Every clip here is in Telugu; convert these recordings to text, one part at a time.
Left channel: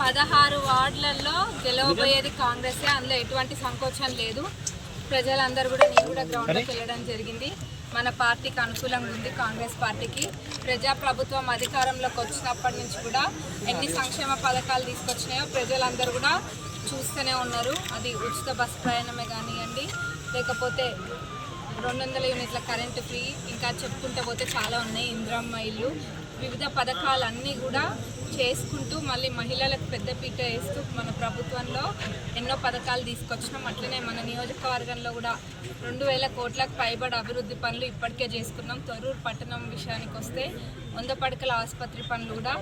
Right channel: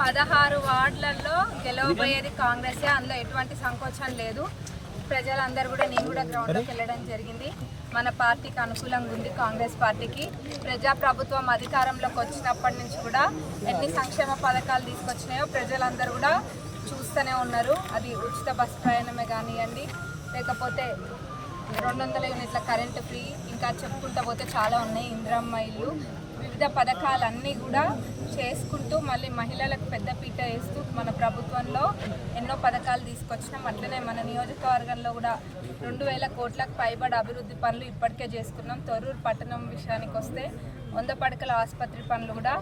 16 వార్డులలో గెలవబోయేది కాంగ్రెసే, అందులో ఎటువంటి సంకోచం లేదు. ప్రజలందరూ కూడా, నేను కూడా గ్రౌండ్లోకి వెళ్ళడం జరిగింది. మన పార్టీకి అనుకూలంగా ఉంది. కాంగ్రెస్ పార్టీకి ప్రజాప్రభుత్వం అధికారంలోకి వచ్చినప్పటి నుంచి కూడా ఎన్ని సంక్షేమ పథకాలు తీసుకొచ్చినాయో ప్రజలందరూ కూడా చూస్తూనే ఉన్నారు. అది ఉచిత బస్ ప్రయాణమే కానివ్వండి, లేకపోతే 200 యూనిట్ల కరెంటు ఫ్రీ, ఇంకా చెప్పుకుంటూ పోతే చాలా ఉన్నాయి. ఇంద్రమ్మ ఇల్లు, వివిధ పథకాలన్నీ కూడా చేసుకుంటూ మళ్ళీ మహిళలకు పెద్దపీట వేస్తూ మన ప్రభుత్వంలో ఎన్నో పథకాలు తీసుకొచ్చినాం. అట్లనే మన నియోజకవర్గంలో కూడా 2000 కోట్లకు పైబడి అభివృద్ధి పనులు ఇప్పటికే చేసుకున్నాం. తొర్రూరు పట్టణం విషయానికి వస్తే 100 పడకల ఆసుపత్రి పనులు కూడా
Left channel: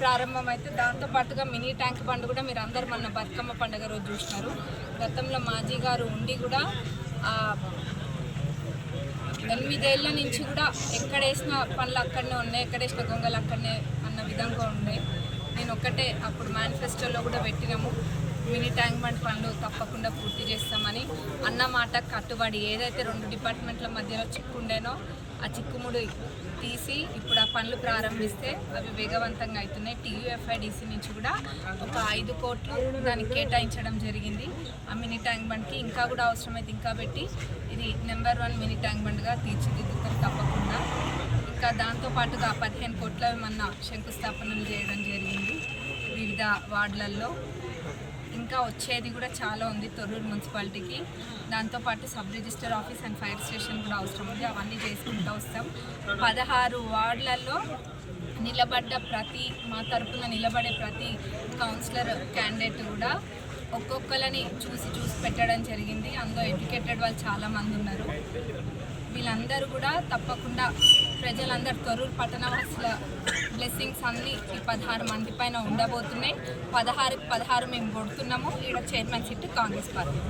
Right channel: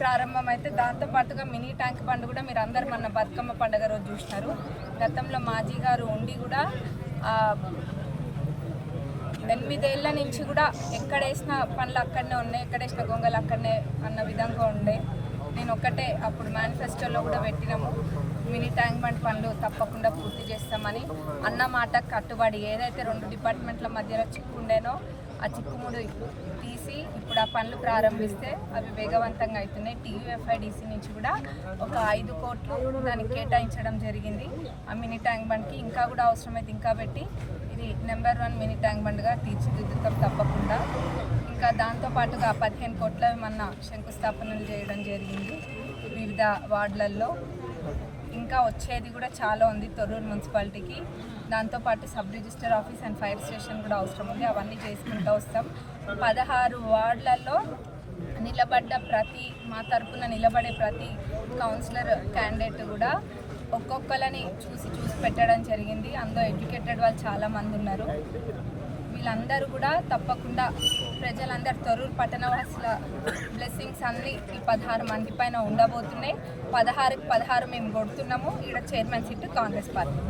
ప్రారంభమైతే, దాంతోపాటుగా మినీ ట్యాంక్ బండ్ కూడా మీరు అందరు మన బతుకమ్మ పండుగ రోజు చూసినారు. గతంలో మాజీ గారు ఉండి కూడా 8 ఏళ్ల నుంచి కూడా ఎక్కడేసిన పనులు అక్కడనే ఉన్నాయి, ఎక్కడేసిన గొంగలు అక్కడనే అన్న విధంగా ఉండే. నేను ఒక్కటే అప్పుడు మేనిఫెస్టోలో కూడా పెట్టినాము, మినీ ట్యాంక్ బండ్ పనులు తప్పకుండా పూర్తి చేస్తామని. అన్న మాట కట్టుబడి ఏదైతే 2 డిపార్ట్మెంట్ల మధ్యలో చిక్కుండేనో ఆ చిక్కుముడి తీసి ఇప్పుడు ఆ పనులు ప్రారంభిస్తే అవి వేగవంతంగా అవుతున్నాయి. TUFIDC నుంచి కూడా ఒక 5 కోట్లు దానికి కేటాయించడం జరిగింది. ఆ మినీ ట్యాంక్ బండ్కి ఇంకా కూడా అవసరమైతే ఇంకా పెట్టి ఇది నెంబర్ 1 మినీ ట్యాంక్ బండ్గా తీర్చిదిద్దుతాం తప్పకుండా. ఇంకా దాంతోపాటుగా 15 కోట్ల మన శంకుస్థాపనలు చేయడం జరిగింది వివిధ వార్డులలో. ఇంకా వచ్చేది కూడా చాలా ఉంది తొర్రూరు మున్సిపాలిటీకి. దాంతోపాటు sub register office and fire station కూడా అవసరం ఉంది. అవన్నీ చేసుకుంటూ వస్తాం. 16 వార్డులలో నిలబడ్డ మా తరపున నిలబడే ప్రతి కౌన్సిలర్ క్యాండిడేట్ కూడా ఒక్కొక్కరిని చూసి పెట్టడం జరిగింది. అందులో ఎడ్యుకేటెడ్ వాళ్ళు చాలామంది ఉన్నారు. వీళ్ళందరూ కూడా తప్పకుండా ప్రజలందరూ తొర్రూరు పట్టణవాసుల బ్లెస్సింగ్స్ అన్నీ ఈ 16 మంది పైన ఉండబోతున్నాయి. 16కి 16 మేము కొడుతున్నాము. ఈడ చైర్మన్ సీటు కాంగ్రెస్ పార్టీ.